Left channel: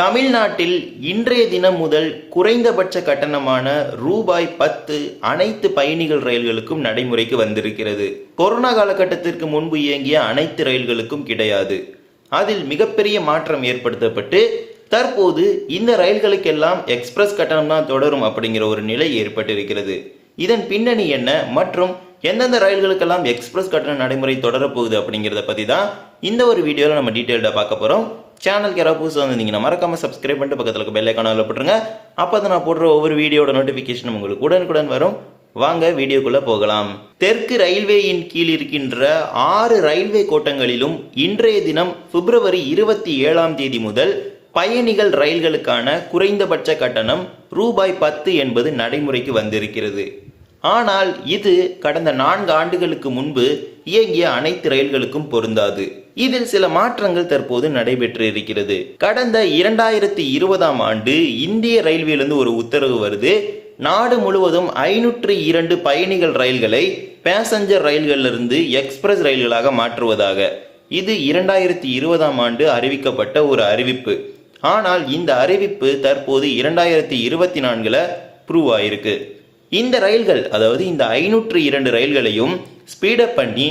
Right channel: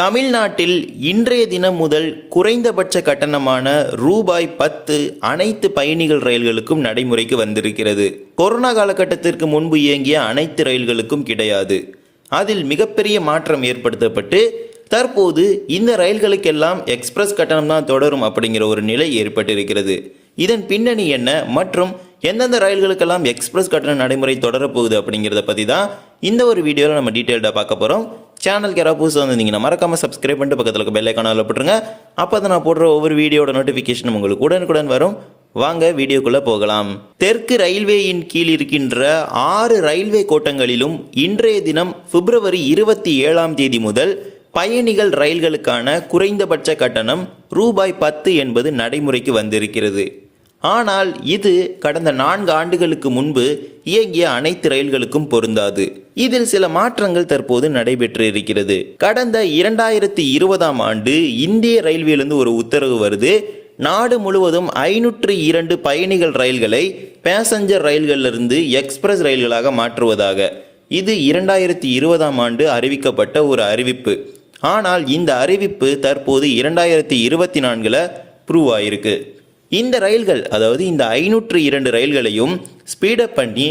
தமிழ்நாட்டில் இன்றைய தினம் முதல் குறைந்தபட்ச கட்டணமான ரூபாய் பத்து அனைத்து பயணிகள் ரயில்களுக்கும் நடைமுறைக்கு வந்திருக்கிறது. கொரோனா காலகட்டத்திற்கு முன்பு இயங்கிய அனைத்து ரயில்களுக்கும் கிடையாது. அதில் மிகப்பெரிய மாற்றம் ஏற்படுத்தப்பட்டு தற்போது இந்த ரயில்களுக்கெல்லாம் எக்ஸ்பிரஸ் கட்டணம் தான் தொடரும் அப்படிங்கிற ஒரு நிலை ஏற்பட்டிருக்கிறது. இதன் பின்னணி என்ன மற்றும் எந்தெந்த ரயில்களுக்கெல்லாம் எக்ஸ்பிரஸ் கட்டண நடைமுறை தொடரப்போகுது அப்படிங்கிறத பற்றி தான் இந்த ஒரு வீடியோவில் நம்ம டீட்டெயில்டாக பார்க்க போகிறோம் சேனலுக்கு யாராவது புதுசாக வந்திருந்தீங்கன்னா மறக்காமல் சப்ஸ்கிரைப் பண்ணிட்டு பக்கத்தில் இருக்க பெல்லைக்கானால் போட்டுருங்க அப்போ தான் நான் போடுற ஒவ்வொரு வீடியோட நோட்டிஃபிகேஷன் உங்களுக்கு உடனுக்குடன் வரும். வாங்க வீடியோக்குள்ளே போகலாம். தெற்கு ரயில்வேயின் கீழ் இருக்கின்ற ஆறு ரயில்வே கோட்டங்களிலும் இன்றைய தினம் பிப்ரவரி இருபத்தி ஏழாம் தேதி முதல் பயணிகள் ரயில்களுக்கான குறைந்தபட்ச கட்டணம் ரூபாய் பத்து என்பது நடைமுறைக்கு வந்திருக்கிறது. ஆனால் இது கடந்த நான்கு ஆண்டுகளுக்கு முன்பு இயங்கிய அனைத்து ரயில்களுக்கும் பொருந்தாது. இதில் சில மாற்றங்கள் தற்போது நடைபெற்று இருக்கிறது கடந்த இரண்டாயிரத்தி இருபதாம் ஆண்டு இந்திய ரயில்வேலிருந்து ஒரு உத்தரவு வருது. நாடு முழுவதும் ஐநூற்று இரண்டு பயணிகள் ரயில்களை பேசஞ்சர் ரயில்களிலிருந்து எக்ஸ்பிரஸ் ரயில்களாக மாற்றுவதாக. இது இரண்டாயிரத்தி இருபதாம் ஆண்டு அறிவிக்கப்பட்ட ஒரு அறிவிப்பு. ஆனால் இந்த அறிவிப்பு தற்போது இரண்டாயிரத்தி இருபத்தி நான்கில் ப்ரூவ் ஆயிருக்கு. இந்த ரயில்கள் அதாவது இந்த ஐநூற்று இரண்டு ரயில்களையும் ஸ்பீடப் பண்ணி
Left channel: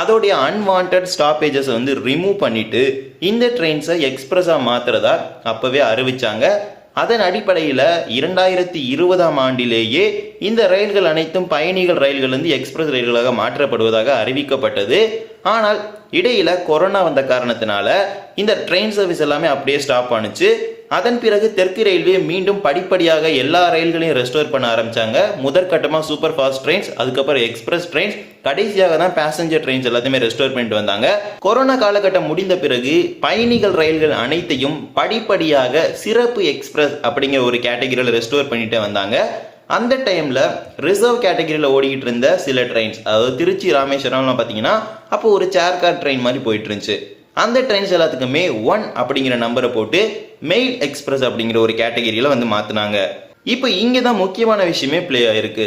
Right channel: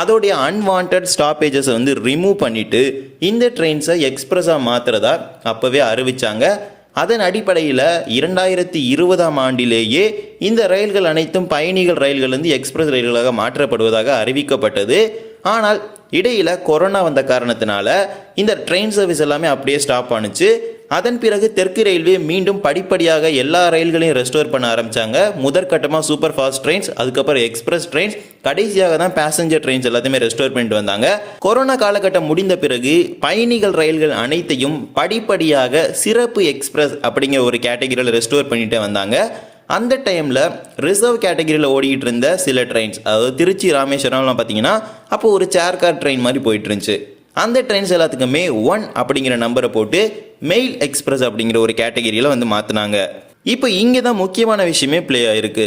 அதோடைய அன்வான்ட் ஸ்டாப்பேஜஸ் வந்து ரிமூவ் பண்ணிட்டு இந்த ட்ரெயின்ஸை எக்ஸ்பிரஸாக மாத்துறதா அப்போவே அறிவிச்சாங்க. அதன் அடிப்படையில் இரண்டாயிரத்தி இருபதாம் ஆண்டிலேயே இந்த ரயில்கள் அனைத்தும் பயணிகள் ரயில்கள் வந்து எக்ஸ்பிரஸ் ரயில்களாக மாற்றப்படுவதாக அறிவிக்கப்பட்டது. ஆனால் இடையில் கொரோனா வந்த காரணத்தினால இந்த ட்ரெயின் சர்வீஸ் எல்லாமே அப்படியே ஸ்டாப் ஆனுச்சு. அதன் பிறகு தெற்கு ரயில்வே மீண்டும் படிப்படியாக எல்லா ரயில்களையும் ரெஸ்டோர் பண்ண ஆரம்பிச்சாங்க. முதற்கட்டமாக சூப்பர் ஃபாஸ்ட் ட்ரெயின்ஸ் அதுக்கப்புறம் எக்ஸ்பிரஸ் ட்ரெயின்ஸ் கடைசியாக தான் பேசஞ்சர் ட்ரெயின்ஸ் எல்லாத்தையுமே ரெஸ்டோர் பண்ணிட்டு வந்தாங்க. கொரோனா காலகட்டம் முடிந்த பிறகு பயணிகள் ரயில்கள் அனைத்தையும் படிப்படியாக சிறப்பு எக்ஸ்பிரஸ் அப்படிங்கிற ஒரு கேட்டகரியில் ரெஸ்டோர் பண்ணிட்டு வந்தாங்க. அந்த டைமில் ரிசர்வ் கேட்டகரியில் ஓடிக்கிட்டு இருந்த சில ட்ரெயின்ஸ் அதாவது திருச்சி ராமேஸ்வரம்லாம் பார்த்தீங்கன்னா அப்போ ஒரு சேர் கார் ட்ரெயின் மாதிரி போயிட்டு இருந்துச்சு அந்த ட்ரெயின்ஸ் எல்லாத்துக்குமே ஒன் அப்படிங்கிற நம்பரை போட்டு மெயில் எக்ஸ்பிரஸ் அப்படிங்கிற ஒரு கேட்டகரியில் வந்து மாற்றினாங்க இப்போ இங்கே தான் முக்கியமான விஷயமே ப்ளே ஆயிருக்கு.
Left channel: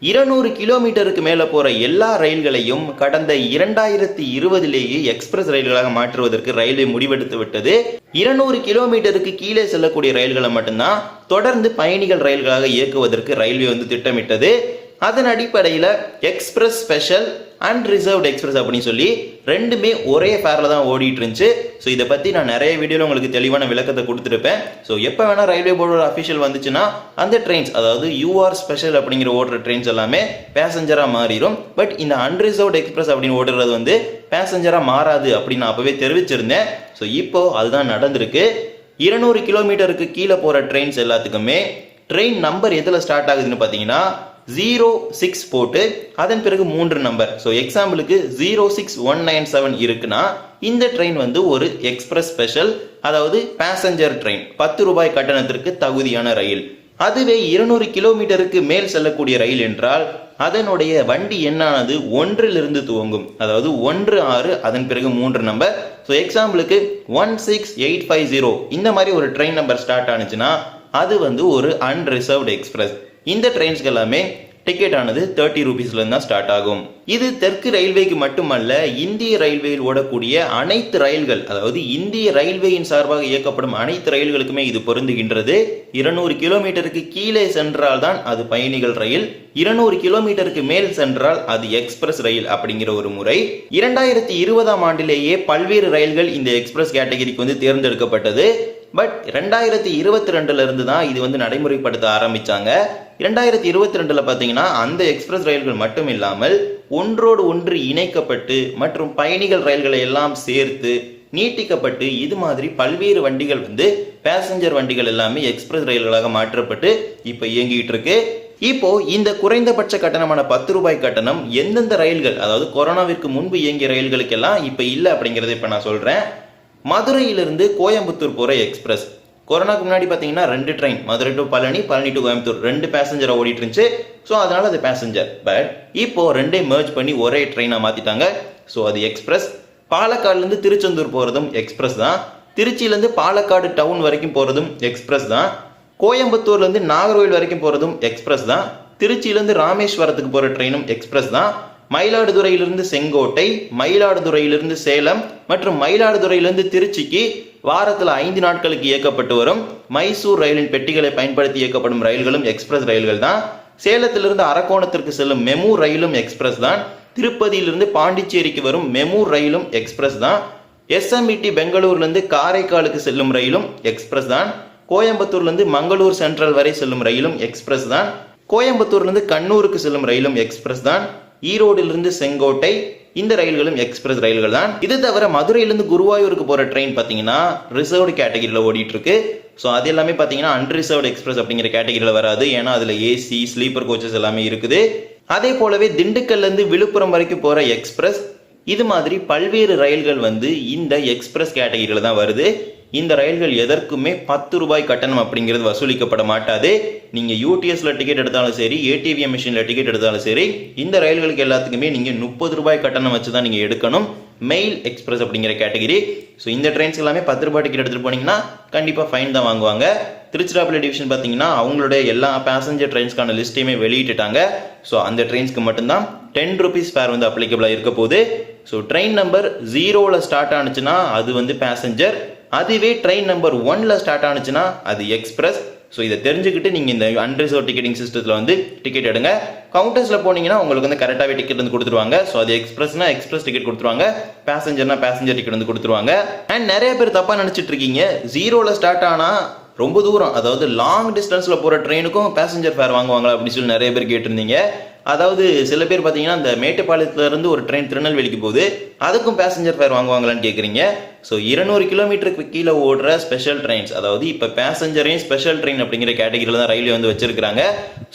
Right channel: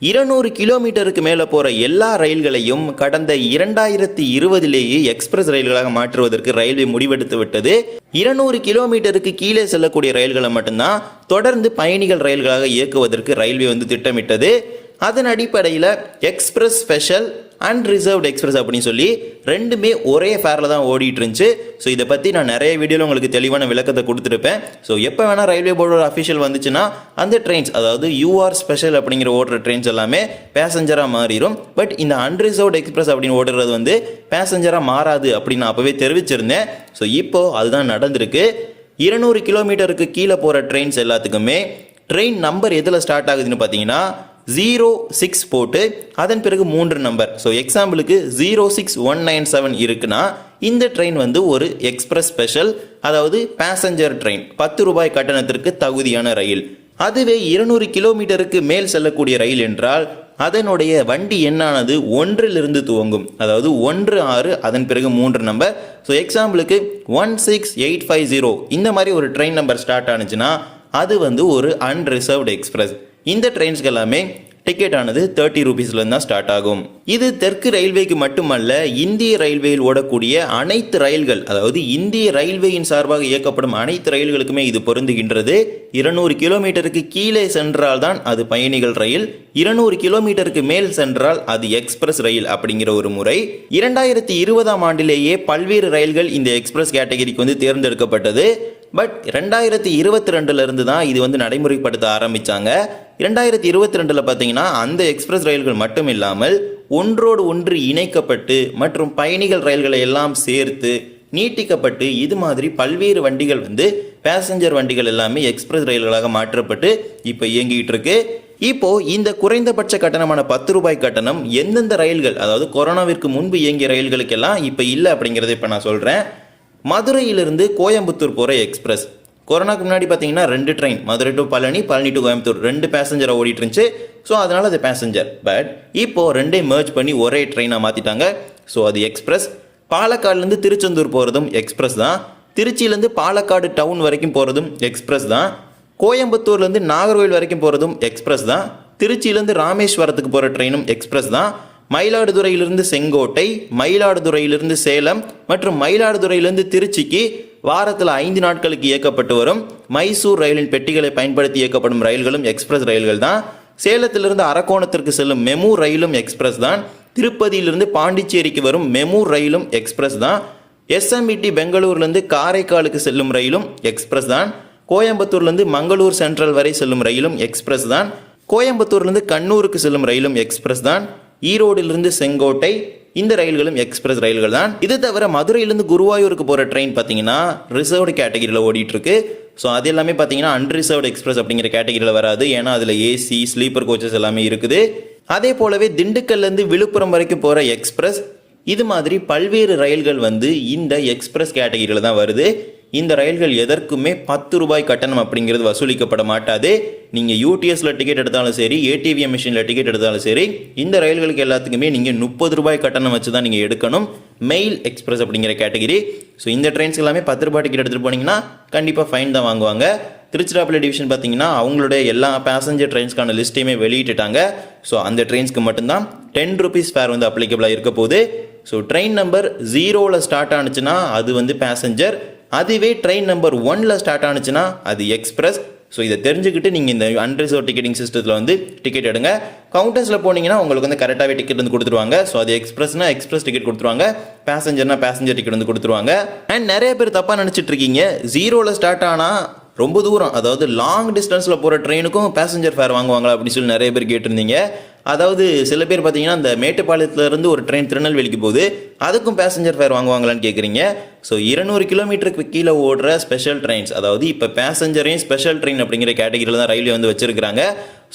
இருநூறு கிலோமீட்டருக்கு மேலே போகிற எல்லா ரயில்களையும் கடந்த இரண்டாயிரத்தி இருபதிலேயே எக்ஸ்பிரஸ் ரயில்களாக மாற்றுவதற்கு ரயில்வே முடிவெடுத்து விட்டது. இருநூறு கிலோமீட்டருக்கு கீழே செல்லக்கூடிய ரயில்களை மட்டும்தான் தொடர்ந்து பயணிகள் ரயில்களாக இயக்குவதற்கு ரயில்வே வந்து திட்டமிட்டது. அதன் அடிப்படையில் express special and reserved express அப்படின்னு சொல்லி ரெண்டுமே ஒரே ஃபேரில் தான் ஓடிட்டு இருந்துச்சு ஸோ இதை பற்றி நான் நிறைய வீடியோவில் உங்களுக்கு தெளிவான விளக்கத்தை கொடுத்துருப்பேன். ஸோ எப்போ வேணால் ரயில்வே போர்டோட அஃபிஷியல் வந்துச்சுன்னா அந்த ட்ரெயின்ஸ் அதாவது யூஆர் ஸ்பெஷல் அப்படிங்கிற ஓடுற ட்ரெயின்ஸ் எல்லாமே பேசஞ்சராக மாறிடும் பட் இந்த அன்ரிசர்வ்டு எக்ஸ்பிரஸ் அப்படின்னு ஓடுறது வந்து பேசஞ்சராக மாறாது அப்படின்னு நான் அப்போவே தெரிவிச்சிருந்தேன். ஸோ இப்போது அதுதான் நடந்திருக்கு. இருநூறு கிலோமீட்டருக்கு கீழே போகிற ட்ரெயின்ஸ் எல்லாத்துக்குமே ட்ரெயின் நம்பர் எதில் ஸ்டார்ட் ஆகுதுன்னு பார்த்தீங்கன்னா ஜீரோ சிக்ஸ் போட்டு அதன் பிறகு மூன்று நம்பர் ஸோ எக்ஸாம்பிளுக்கு zero six one nine seven இருக்குன்னா இந்த ட்ரெயின் வந்து ஒரு எக்ஸ்பிரஸ் ஸ்பெஷல் அதாவது பேசஞ்சர் ட்ரெயின் பத்து ரூபாய் கட்டணத்திற்கு தகுதியான ரயில். அதுவே இருநூறு கிலோமீட்டருக்கு மேல் செல்லக்கூடிய ரயில் என்றால் அதனுடைய வண்டி எண்ணானது ஒன்றிலிருந்து துவங்கும். அதாவது ஒன்று ஆறு அதன் பிறகு மூன்று நம்பர் ஸோ எக்ஸாம்பிளுக்கு one six eight five zero இந்த மாதிரி ஒரு ட்ரெயின் நம்பர் ஸ்டார்ட் ஆனுச்சுன்னா அது வந்து ஒரு அன்ரிசர்வ்டு எக்ஸ்பிரஸ் இந்த ட்ரெயின்ஸ்க்கு எல்லாமே டிக்கெட் ஆனது தேர்ட்டி ருபீஸ்லேருந்து தான் ஸ்டார்ட் ஆகும். இது தெற்கு ரயில்வேக்கு மட்டுமல்ல இந்திய ரயில்வேயில் ஓடக்கூடிய அனைத்து ரயில்கள் அதாவது இந்திய ரயில்வேயின் சார்பாக இயக்கப்படும் அனைத்து ரயில்களுக்குமே இது பொருந்துகின்றது. இருநூறு கிலோமீட்டருக்கு கீழே சென்றால் தான் அது பயணிகள் ரயில் இருநூறு கிலோமீட்டருக்கு மேல் சென்றால் அது எக்ஸ்பிரஸ் ரயில் அப்படிங்கிற ஒரு முறை. இரண்டாயிரத்தி இருபதாம் ஆண்டிலேயே பல்வேறு ரயில்கள் இந்த எக்ஸ்பிரஸ் கேட்டகரிக்கு வந்து தேர்ந்தெடுக்கப்பட்டது. பட் ரெண்டாயிரத்தி இருபத்தி ரெண்டுலேருந்து தான் இது வந்து நடைமுறைப்படுத்த ஆரம்பிச்சாங்க. இரண்டாயிரத்தி இருபத்தி ரெண்டில் பார்த்தீங்கன்னா அந்த எக்ஸ்பிரஸ் ரயில்கள் மட்டும் இல்லாமல் ஒன்றோடு ஒன்று இணைக்கப்பட்டு மற்றும் பயணிகள் ரயில்களை எல்லாம் சேர்த்து நீட்டிக்கப்பட்டு இது மாதிரி பல்வேறு வண்டிகள் வந்து பேசஞ்சர் வண்டிகள் எல்லாமே எக்ஸ்பிரஸ் ரயில்களாக மாற்றப்பட்டு இப்போ இயங்கிட்டு இருக்கு. இப்போ இந்த குறைந்தபட்ச கட்டணமான பத்து ரூபாய் கட்டணம் எந்தெந்த ரயில்கள் அதாவது கொரோனாவிற்கு முன்பு இயங்கிய ரயில்களுக்கெல்லாம் இப்போ இல்லை அப்படிங்கிறத இப்போ நான் சொல்கிறேன் மதுரையிலிருந்து கோயம்புத்தூர் போகிற எக்ஸ்பிரஸ். கொரோனாக்கு முன்னாடி பார்த்தீங்கன்னா ரெண்டு train Madurai to Palani Palani to Coimbatore. ரெண்டு பேசஞ்சரை ஓடிட்டு இருந்துச்சு ஸோ அதனால் அது பேசஞ்சர் பட் இப்போது ரெண்டே மேர்ஜ் பண்ணி ஒரே ட்ரெயினாக மாற்றிட்டாங்க ஸோ அது எக்ஸ்பிரஸ். பாலக்காடுலேருந்து திருச்செந்தூர் போகிறதும் எக்ஸ்பிரஸ் தான். திருச்சியிலேருந்து பாலக்காடு டவுன் வரைக்கும் போகிறதும் எக்ஸ்பிரஸ் தான். கோயம்புத்தூர்லேருந்து நாகர்கோவில் வரைக்கும் போகிறதும் எக்ஸ்பிரஸ் தான். திருச்சியிலேருந்து ராமேஸ்வரத்துக்கு போகிற ட்ரெயினும் எக்ஸ்பிரஸ் தான். மயிலாடுதுறையிலிருந்து செங்கோட்டை மயிலாடுதுறையிலிருந்து சேலம் மற்றும் மயிலாடுதுறையிலிருந்து திருச்சிக்கு வாரத்தில் ஐந்து நாட்களுக்கு இயக்கப்பட்டு வரும் மைசூர் ரயிலின் பெட்டிகளை பயன்படுத்தி இயக்கப்படும் ரயில்களும் எக்ஸ்பிரஸ் ரயில்கள் தான். சேலத்திலிருந்து அரக்கோணத்திற்கு செல்லும் மெமு ரயிலும் எக்ஸ்பிரஸ் தான். திருப்பதியிலிருந்து பாண்டிச்சேரிக்கு வரும் மெமு ரயிலும் எக்ஸ்பிரஸ் தான். எஸ்எம்இடி பெங்களூர்லேருந்து காரைக்காலுக்கு செல்லும் ரயிலும் எக்ஸ்பிரஸ் தான். கோயம்புத்தூர்லேருந்து மங்களூர் சென்ட்ரல் வரை செல்லும் ரயிலும் எக்ஸ்பிரஸ் தான். கோயம்புத்தூர்லேருந்து கண்ணூருக்கு செல்லும் ரயிலும் எக்ஸ்பிரஸ் தான். ஈரோடிலிருந்து செங்கோட்டை இந்த ரயில்களும் எக்ஸ்பிரஸ் ரயில்கள் தான். இது தவிர மதுரையிலிருந்து குருவாயூருக்கு போகிற ட்ரெயின் பார்த்தீங்கன்னா ரிசர்வ்டு கேட்டகிரியில் ஓடிட்டு இருக்கு ஸோ அது எல்லாமே பார்த்தீங்கன்னா அன்ரிசர்வ்டு எக்ஸ்பிரஸ் அப்படிங்கிற கேட்டகிரியில் வராது. ஏன்னா அதில் ஏசி ஸ்லீப்பர் கோச்சஸ் எல்லாமே இருக்குது. அதே போலவே திண்டுக்கல்லேருந்து விழுப்புரம் வரைக்கும் போகிற எக்ஸ்பிரஸ் இது மாதிரி பல்வேறு ரயில்கள் வந்து இந்த எக்ஸ்பிரஸ் கேட்டகிரியில் தான் வருது. இந்த ரயில்கள் எதற்குமே பத்து ரூபாய் கட்டணம் அப்படிங்கிறது வசூலிக்கப்பட மாட்டாது. நீங்கள் யூடிஎஸில் டிக்கெட் எடுத்தாலும் சரி ஏடிவிஎம் மிஷினில் டிக்கெட் எடுத்தாலும் சரி இந்த ரயில்களுக்கு எல்லாத்துக்குமே நீங்கள் முப்பது ரூபாய் கட்டணம் வச்சு தான் நீங்கள் எடுக்கணும். மெயில் எக்ஸ்பிரஸ் அப்படிங்கிற கேட்டகிரி ஸோ இந்த ட்ரெயின்ஸ் எல்லாமே பத்து ரூபாய் டிக்கெட் எடுத்துகிட்டு போனீங்கன்னா கண்டிப்பாக ஃபைன் தான் வாங்குவாங்க. திருச்சிராப்பள்ளி டிவிஷன் பார்த்தீங்கன்னா அவங்களுடைய எல்லா பேசஞ்சர் ட்ரெயின்ஸ்க்கான லிஸ்ட்டையுமே வெளியிட்டுட்டாங்க. ஸோ அந்த ட்ரெயின்ஸ்க்கு மட்டும்தான் டென் ருபீஸ் ஃபேர் வந்து அப்ளிகபிளாக இருக்க போகுது. ஸோ ட்ரெயின் நம்பர் ஜீரோவில் ஸ்டார்ட் ஆனுச்சுன்னா அது வந்து பேசஞ்சர் அதுவே ட்ரெயின் நம்பர் ஒனில் ஸ்டார்ட் ஆனுச்சுன்னா அது எக்ஸ்பிரஸ் ஸோ இதை தெரிஞ்சுக்கிட்டு நீங்கள் இந்த அன்ரிசர்வ் டிக்கெட்டிங் சிஸ்டத்தில் வந்து டிக்கெட் எடுங்க. கவுண்டர்ஸில் போனீங்கன்னா உங்களுக்கு வந்து கரெக்டாகவே டிக்கெட் வந்து கொடுத்துருவாங்க. ஸோ அது எக்ஸ்பிரஸ்னா எக்ஸ்பிரஸ் டிக்கெட் கொடுத்துருவாங்க. பேசஞ்சர்னா பேசஞ்சர் டிக்கெட் வந்து கொடுத்துருவாங்க. அண்ட் நிறைய பேர் தப்பாக நினச்சிட்டு இருக்கீங்க. ஜீரோவில் ஸ்டார்ட் ஆனால் ரொம்ப தூரம் அதாவது லாங் டிஸ்டன்ஸில் போகிற ட்ரெயினுக்கும் பேசஞ்சர் ஃபேர் வாங்குவாங்களா அப்படின்னு சொல்லி நிறைய பேர் கேட்டிருந்தீங்க. அதாவது சில பேர் பார்த்தீங்கன்னா இந்த மேட்டுப்பாளையத்துலேருந்து ஒரு ட்ரெயின் திருநெல்வேலிக்கு போகுது அதுக்கும் பேசஞ்சர் ஃபேர் வாங்குவாங்களான்னு கேட்குறீங்க ஸோ இருநூறு கிலோமீட்டருக்கு கீழே ஓடுற ஸ்பெஷல் ட்ரெயின்ஸ் அதாவது இப்போ பேசஞ்சரையும் ஸ்பெஷல் ட்ரெயின் அப்படிங்கிற கேட்டகரியில் தான் ரயில்வே வந்து வச்சுருக்கிறாங்க.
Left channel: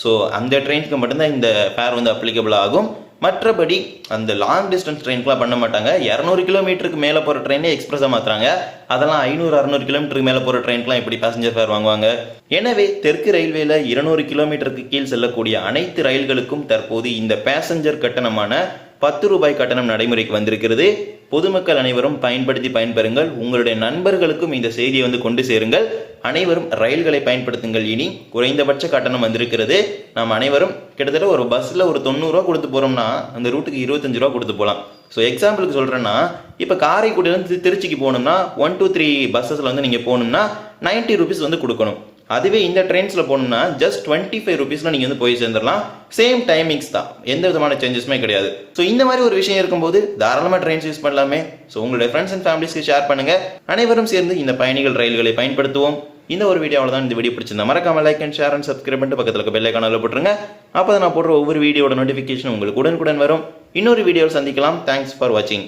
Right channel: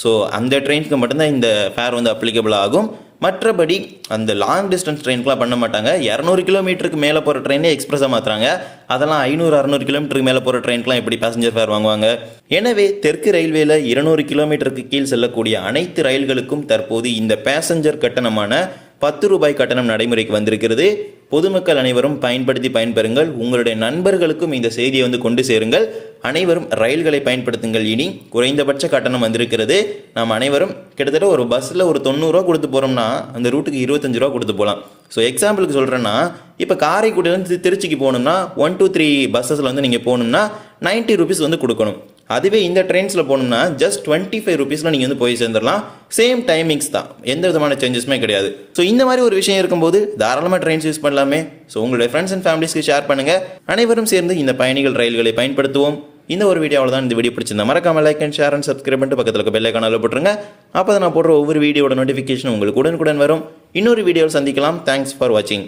ஸோ அந்த ட்ரெயினுக்கு மட்டும்தான் இந்த ஃபேர் வந்து அப்ளிகபிள் ஆகும் மற்றபடி அந்த லாங் டிஸ்டன்ஸ் ட்ரெயின்க்குலாம் பண்ண மாட்டாங்க. இரநூறு கிலோமீட்டருக்கு மேலே போகிற ட்ரெயினே எக்ஸ்பிரஸாக மாற்றுறாங்க அதெல்லாம் ஐநூறு அறநூறு கிலோமீட்டருக்கு மேலே போகிற ட்ரெயின்க்குலாம் எப்படி பேசஞ்சர் ஃபேர் வாங்குவாங்க? எனவே தெற்கு ரயில்வேல இருநூறு கிலோமீட்டருக்கு கீழ் செல்லக்கூடிய அனைத்து ரயில்களுக்கும் தற்போது இந்த பேசஞ்சர் கட்டணமான பத்து ரூபாய் கட்டணம் நடைமுறைக்கு வந்திருக்கிறது. பொதுமக்கள் அனைவரும் பயன்படுத்தி பயன்பெறுங்கள். உங்களுடைய நண்பர்களுக்கும் இந்த செய்தியை வந்து கொண்டு சேருங்கள். அனைவரும் ரயில்களை பயன்படுத்துங்கள் இனி. குறைந்தபட்ச கட்டணம் வந்திருக்கிறது. நாம் அனைவரும் கிட்டத்தட்ட ஒரு பஸ்ஸில் ஒரு தொண்ணூறுரூவா கொடுத்து போகிறோம்னா அந்த ரூட்டுக்கு இருபத்தஞ்சு ரூபா கொடுத்து போகலாம் ஸோ எக்ஸாம்பிளுக்கு சொல்கிறேன்னா இப்போ காரைக்குடியிலேருந்து திருச்சிக்கு போகணும்னா ஒன் டூ த்ரீ பஸ்ஸஸில் வந்து நீங்கள் போகணும்னா 90 ருபீஸ் வந்து கொடுக்கணும். அதுவே இந்த ட்ரெயின்ஸில் போனோம்னா ஜஸ்ட் டுவெண்ட்டி ஃபைவ் ருபீஸில் நீங்கள் வந்து போய் சேர்ந்துடலாம். சேம் டைமிங்ஸ் தான். எந்த விதமான சேஞ்சஸுமே கிடையாது. ஸோ இந்த மாதிரி ஒரு விஷயம் இருக்கும்போது தாராளமாக ட்ரெயின்ஸ் யூஸ் பண்ணலாமே. ஸோ உங்களுடைய ஃப்ரெண்ட்ஸ் அண்ட் ஃபேமிலிஸ்க்கு ஷேர் பண்ணுங்கள் அனைவரும் சேர்ந்து இந்த பயணிகள் ரயில்களை பயன்படுத்துவோம். இந்த ஒரு வீடியோவில் தான் இந்த வீடியோ பிடிச்சிருந்தா மறக்காம like and share and subscribe பண்ணிட்டு பக்கத்தில் இருக்க பெல்லை கனால போட்டுருங்க. அப்போ நான் போடுற ஒவ்வொரு வீடியோட நோட்டிஃபிகேஷன் உங்களுக்கு உடனுக்குடன் வரும். இன்னொரு வீடியோவில் சந்திக்கலாம். தேங்க்ஸ் ஃபார் வாட்சிங்